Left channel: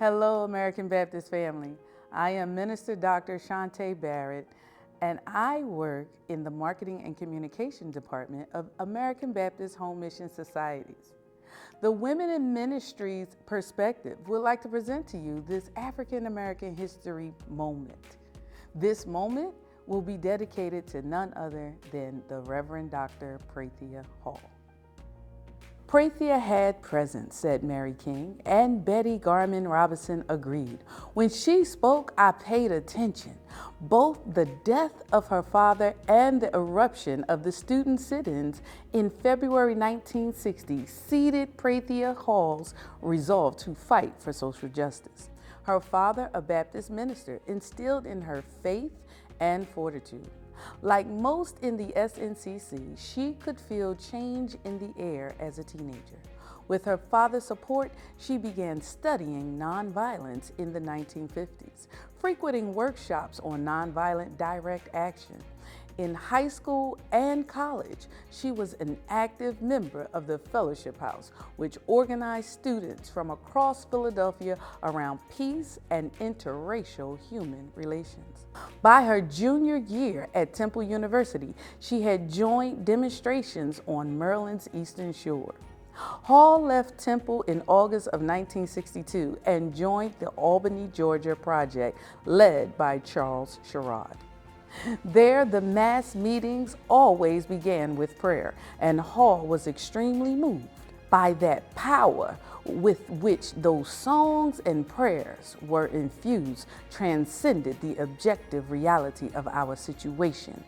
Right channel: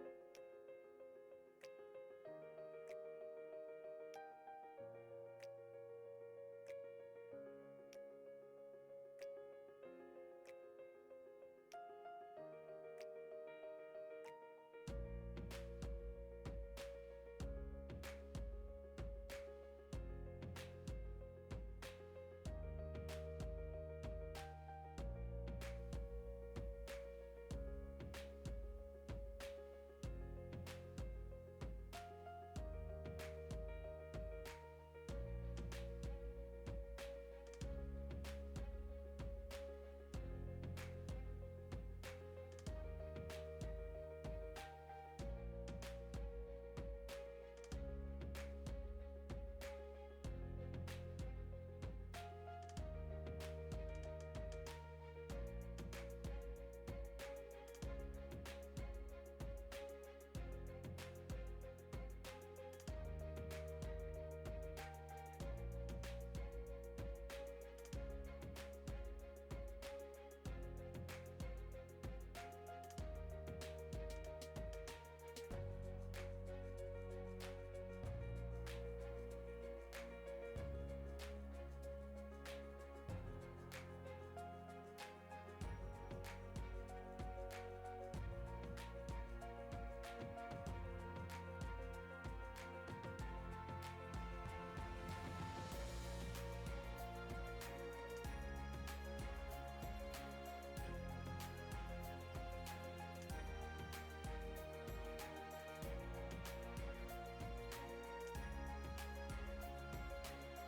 Hello, American Baptist family. I am Minister Dr. Shante Barrett, and I work in the Marketing and Communication Department of American Baptist Home Mission Societies. The Women in Ministries perspective would like to present to you this African American history moment. This moment will be dedicated to none other than the Reverend Dr. Prathia Hall. Prathia had presence, said Mary King, and Betty Garman Robinson agreed. When she spoke, I paid attention. Both the death of her father and the eruption of the student sit-ins in February 1960 seeded Prathia Hall's resolve to fight for social justice. Her father, a Baptist minister, instilled in her faith and fortitude. Like most in the SNCC, she could feel change in the air as a teenager. With her father's support, she began studying nonviolence in the 1950s, frequenting workshops on nonviolent direct action. In high school and college, she was an active member of the Fellowship House, which organized students from across Philadelphia around peace and interracial human relations. By her junior year at Temple University, she had joined demonstrations on Maryland's Eastern Shore. Hall left Temple in August of 1962 and joined the Albany, Georgia project led by Charles Sherrod. There, the mass meetings always began with prayer, and Hall was extremely moved by that power with which those songs and prayers were infused transcended the objective reality of our situation,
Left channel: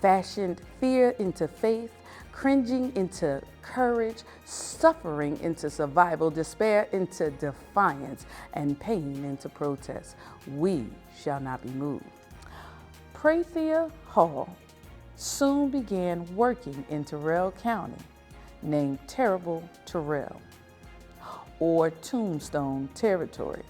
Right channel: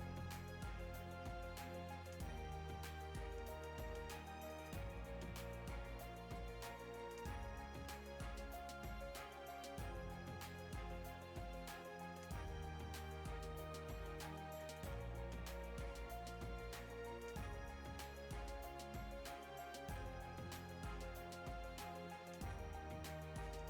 fashioned fear into faith, cringing into courage, suffering into survival, despair into defiance, and pain into protest. We shall not be moved. Prathia Hall soon began working in Terrell County, named Terrible Terrell, or Tombstone Territory,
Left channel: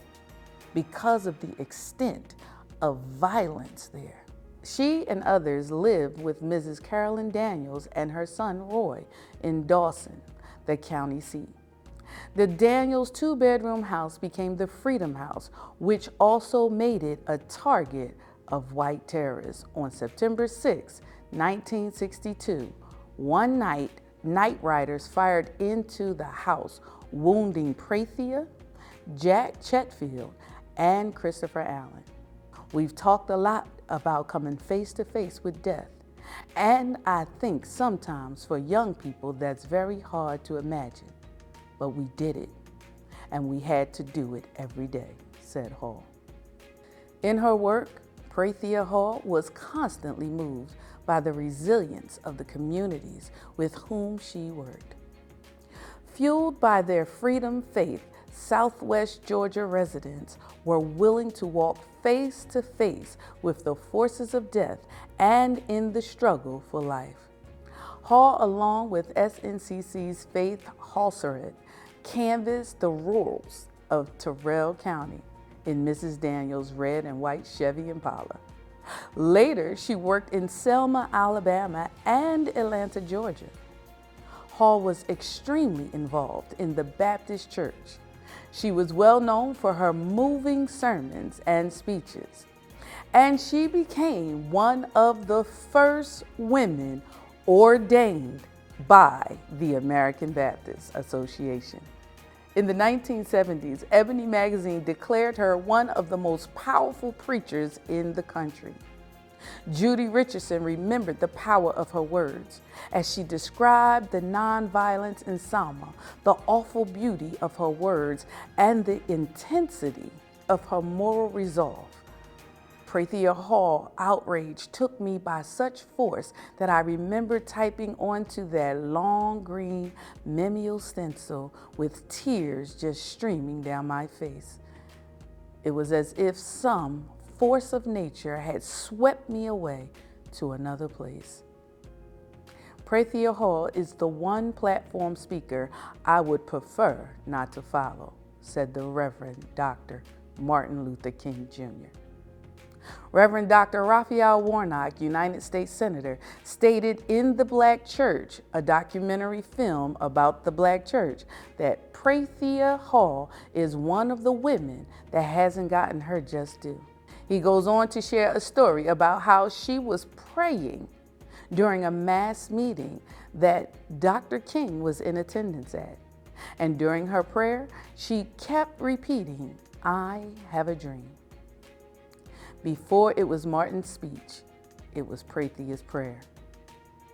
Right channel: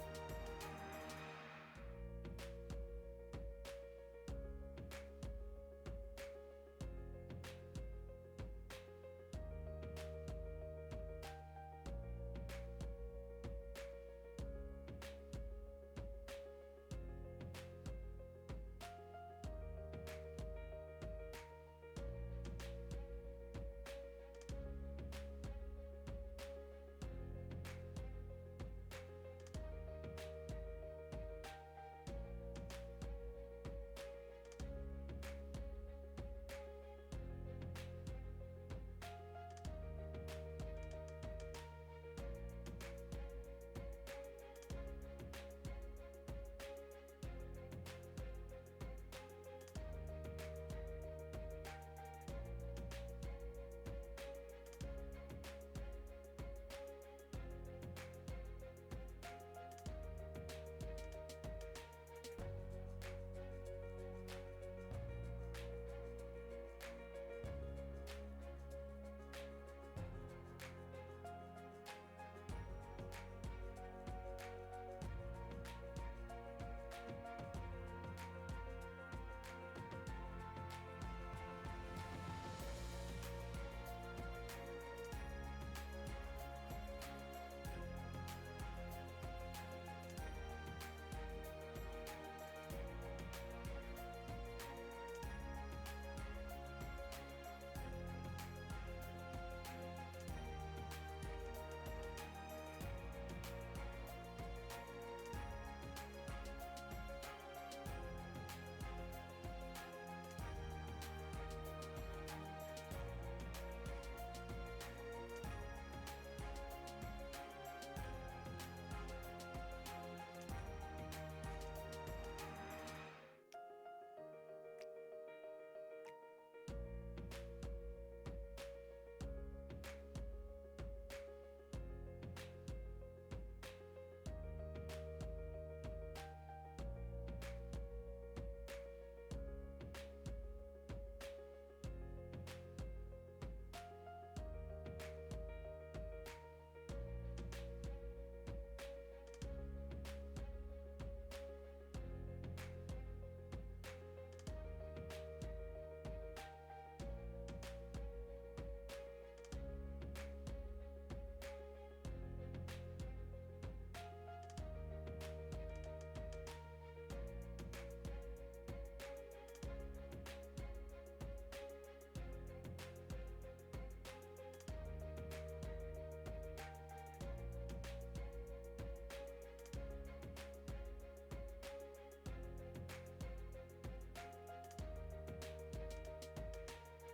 because of the extent of violence there. She and others lived with Mrs. Carolyn Daniels and her son Roy in Dawson, the county seat. The Daniels two-bedroom house became the Freedom House, which also made it a target of white terrorists. On September 6, 1962, one night, night riders fired into the house, wounding Prathia, Jack Chetfield, and Christopher Allen. We've talked a lot about coming face to face with death, and I think sometimes for young people that's very hard to imagine, but we did it, and we had to do it every day, said Hall. In her work, Prathia Hall was constantly moved by the resilience of the communities with whom she worked. Fueled by their freedom faith, Southwest Georgia residents were willing to walk face to face with the forces of death and in the struggle for life. Hall, along with SNCC's Faith Halseret, canvassed the rurals of Terrell County in Mrs. Daniels' red and white Chevy Impala. Later, she worked in Selma, Alabama, and Atlanta, Georgia. Hall was extremely involved in the Baptist Church. She was well known for her moving sermons and speeches, and she became one of the first women ordained by the American Baptist Association. In the 1970s, Ebony magazine declared her one of the most powerful preachers in the country. Judy Richardson remembered the power of her words as she described the nonviolence in Selma, the awful beauty of her words, and the intensity of her moral resolve. Prathia Hall outrage took me by such force that I remember typing onto that long green memo stencil with tears just streaming down my face. It was as if some force of nature had swept me away to another place. Prathia Hall is the one platform speaker I would prefer not to follow, said the Reverend Dr. Martin Luther King Jr. Reverend Dr. Raphael Warnock, United States Senator, stated in The Black Church, a documentary film about the Black Church, that Prathia Hall is one of the women that hasn't gotten her just due. He goes on to share a story about how she was praying during a mass meeting that Dr. King was in attendance at. And during her prayer, she kept repeating, "I have a dream." Before it was Martin's speech, it was Prathia's prayer,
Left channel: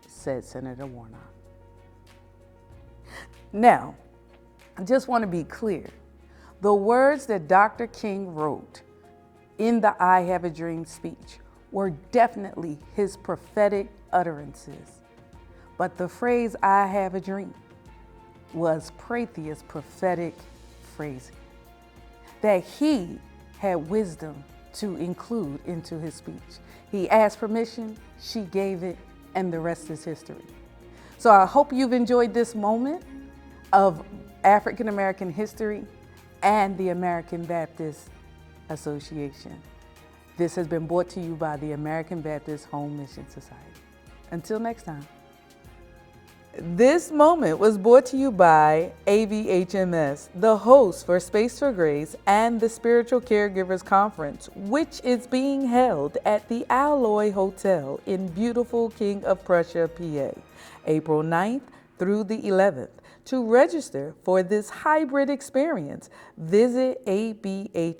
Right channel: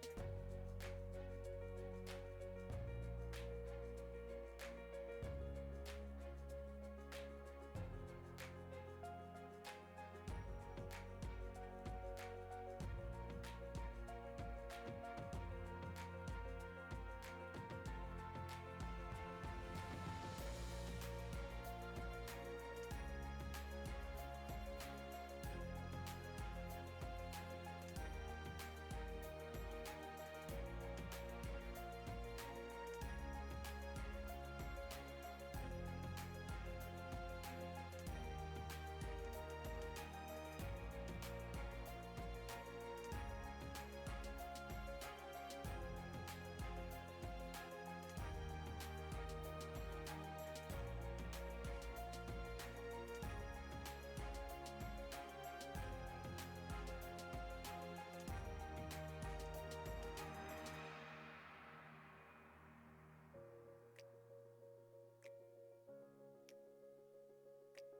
said Senator Warnock. Now, I just want to be clear. The words that Dr. King wrote in the "I Have a Dream" speech were definitely his prophetic utterances. But the phrase "I have a dream" was Prathia's prophetic phrasing that he had wisdom to include into his speech. He asked permission, she gave it, and the rest is history. So I hope you've enjoyed this moment of African American history and the American Baptist Association. This has been brought to you by the American Baptist Home Mission Society. Until next time. This moment was brought to you by ABHMS, the host for Space for Grace and the Spiritual Caregivers Conference, which is being held at the Alloy Hotel in beautiful King of Prussia, PA, April 9th through the 11th. To register for this hybrid experience, visit abhms.org.